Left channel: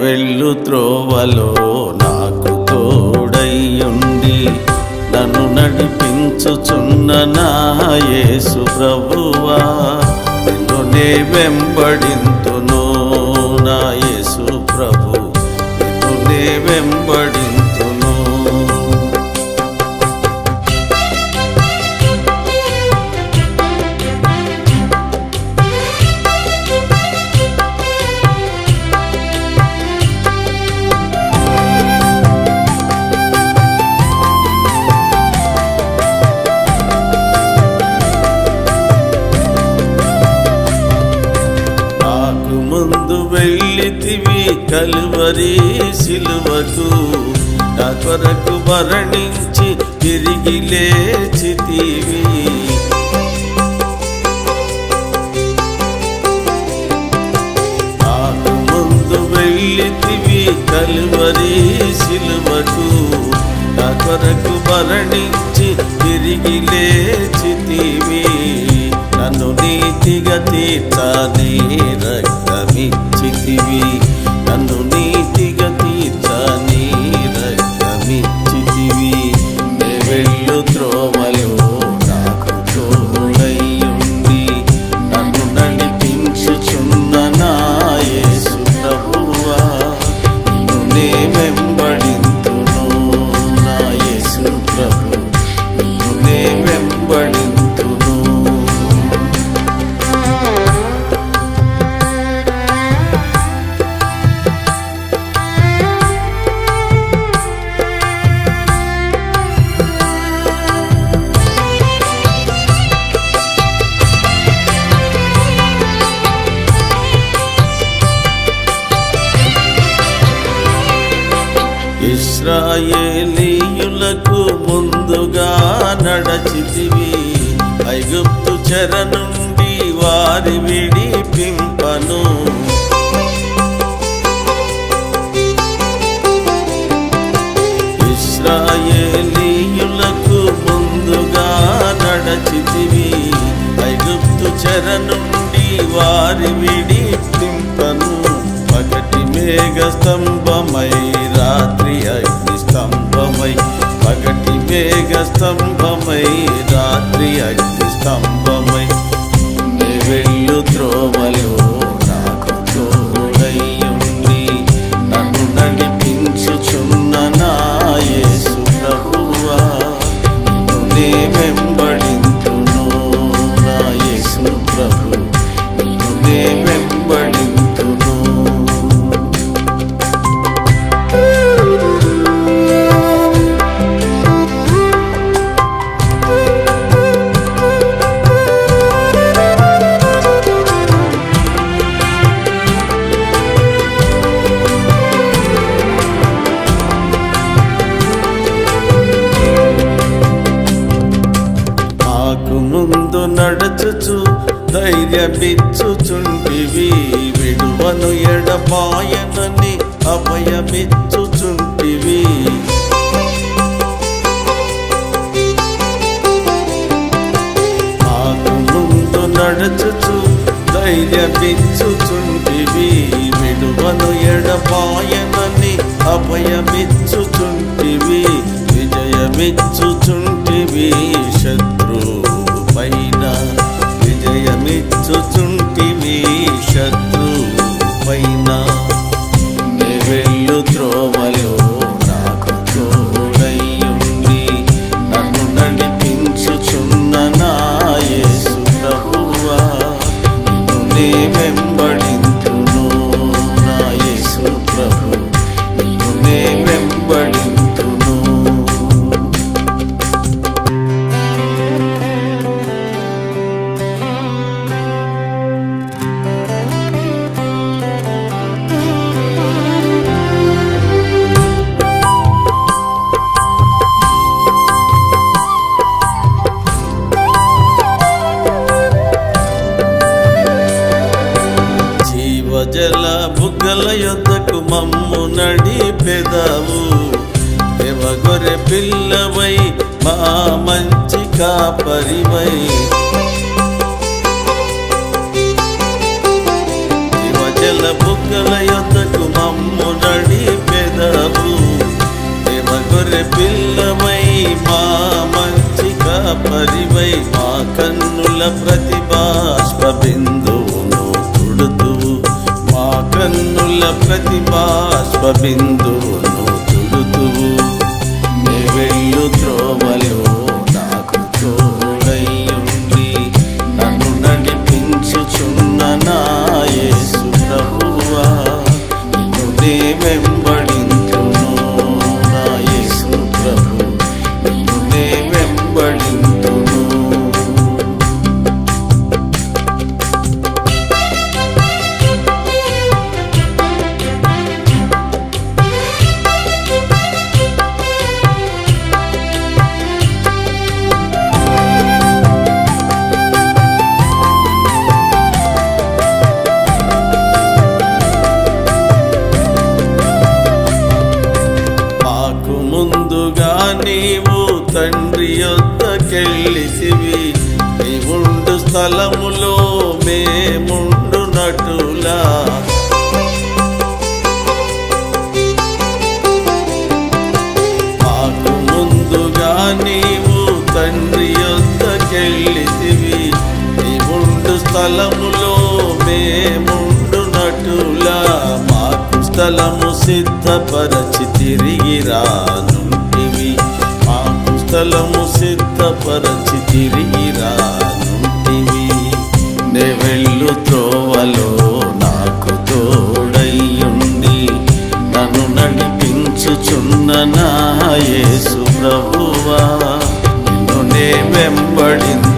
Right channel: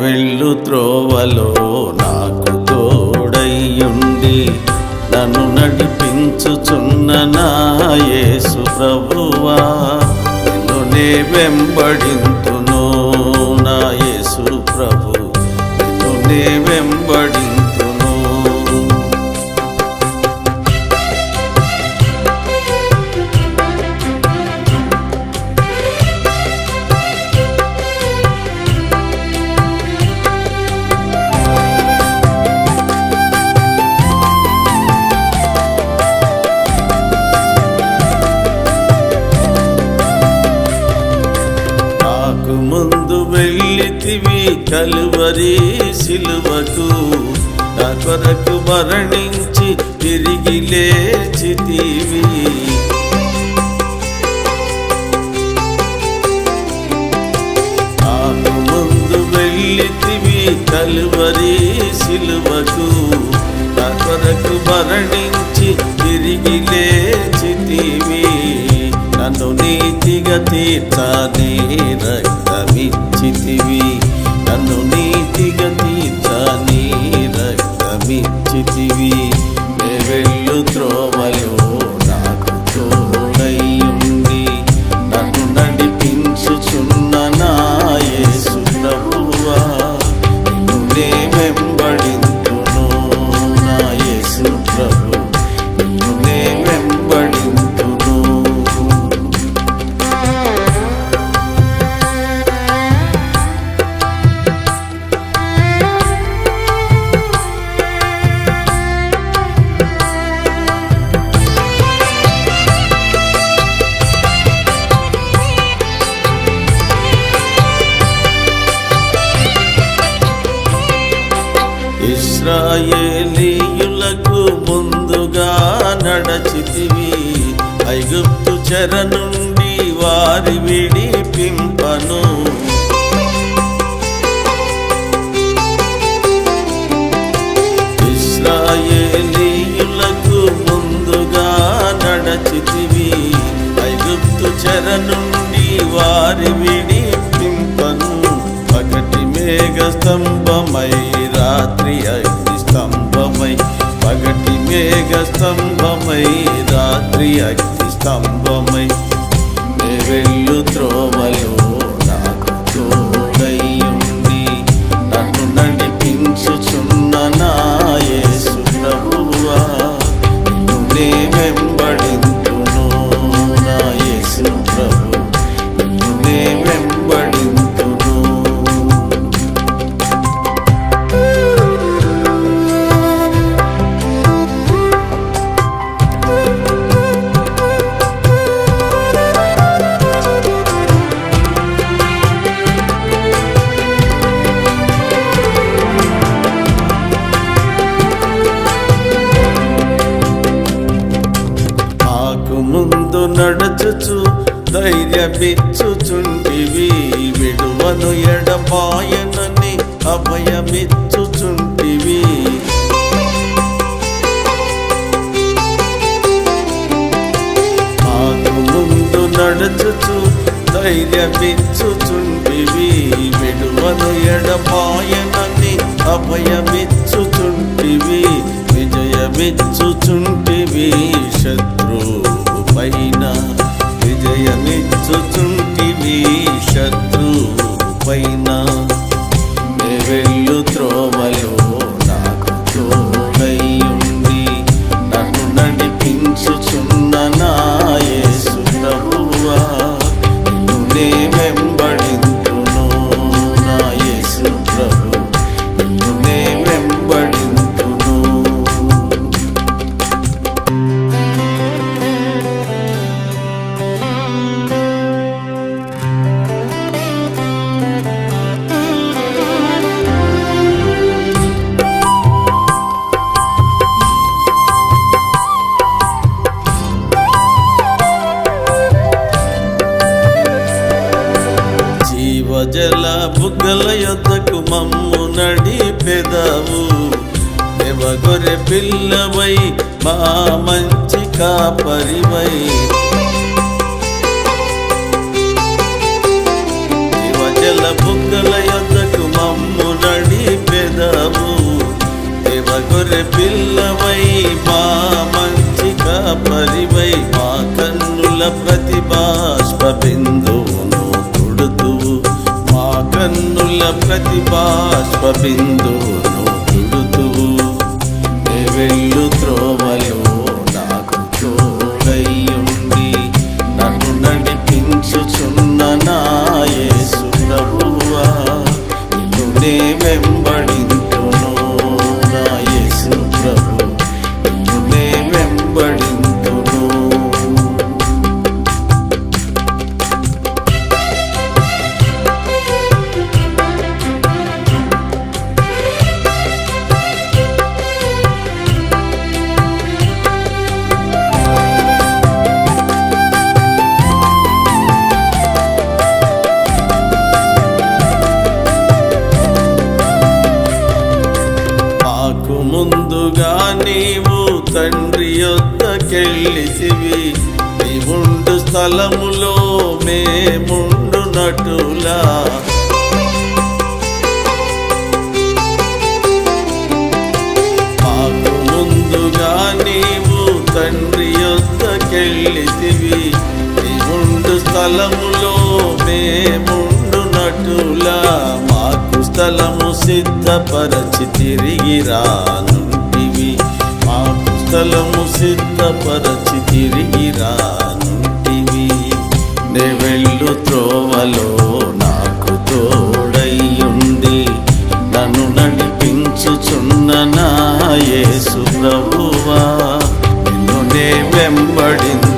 వెళ్ళు త్రోవలో నాకు తోడయ్యుండి నన్ను నడిపించుచున్న నాయసు ప్రభువా నిన్ను నే వెంబడింతును. యేసు ప్రభు నిన్ను నే వెంబడింతును వెళ్ళితివి కలువరి సిలువకు. నా కొరకు మరణించి తిరిగి లేచితివి. నాకు ముందు వెళ్ళి కలువరి సిలువకు నా కొరకు మరణించి తిరిగి లేచితివి నన్ను నీతిగా తీర్చని రక్తమిచ్చితివి. నన్ను నీతిగా తీర్చని రక్తమిచ్చితివి. వెళ్ళు త్రోవలో నాకు తోడయ్యుండి ఇస్రాయేలీయులకు ముందుగా నడచితివి. ఐగుప్తు చెర నుండి వారి విడిపింపను. ఇస్రాయేలీయులకు ముందుగా నడచితివి. ఐగుప్తు చెర నుండి వారి విడిపింపను. పగటి మేఘ స్తంభమై రాత్రి అగ్ని స్తంభమై. పగటి మేఘ స్తంభమై రాత్రి అగ్ని స్తంభమై. వెళ్ళు త్రోవలో నాకు తోడయ్యుండి నన్ను నడిపించుచున్న నా యేసు ప్రభువా నిన్ను నే వెంబడింతును నాయసు ప్రభు. నిన్ను వెంబడి నడచుచు ధైర్యమిచ్చుచుంటివి. విడువను ఎడబాయనని అభయమిచ్చుచుంటివి. మాకు ముందు నడచుచు ధైర్యమిచ్చుచుంటివి. విడువను ఎడబాయనని అభయమిచ్చుచుంటివి. విజయమిచ్చుచుంటివి శత్రువు పైన విజయమిచ్చుచుంటివి శత్రువు పైన వెళ్ళు త్రోవలో నాకు తోడయ్యుండి నన్ను నడిపించుచున్న నాయసు జీవజల బుగ్గల యొద్దకు మమ్ము నడిపెదవు. దేవగొరె పిల్లవై మా మంచి కాపరివై. ప్రజల బుగ్గల యొద్దకు మమ్ము నడిపెదవు. దేవగొరె పిల్లవై మా మంచి కాపరివై. మా కన్నుల ప్రతిభాష్ప బిందువును తుడుతువు కన్నుల ప్రతిభాష్ప బిందువును తుడుతువు. నే వెళ్ళు త్రోవలో నీవు తండ్రి యొద్దకెళ్ళితివి నీవుండు స్థలములో మేముండు నటులా. మాకు ముందుగా నీవు తండ్రి యొద్దకెళ్ళితివి నీవుండు స్థలములో మేముండు నటులా. మాకు స్థలము సిద్ధపరచి తిరిగి రాను రానుంటివి మాకు స్థలము సిద్ధపరచి తిరిగి రానుంటివి నే వెళ్ళు త్రోవలో నాకు తోడయ్యుండి నన్ను నడిపించుచున్న నా యేసు ప్రభువా నిన్ను నే వెంబడింది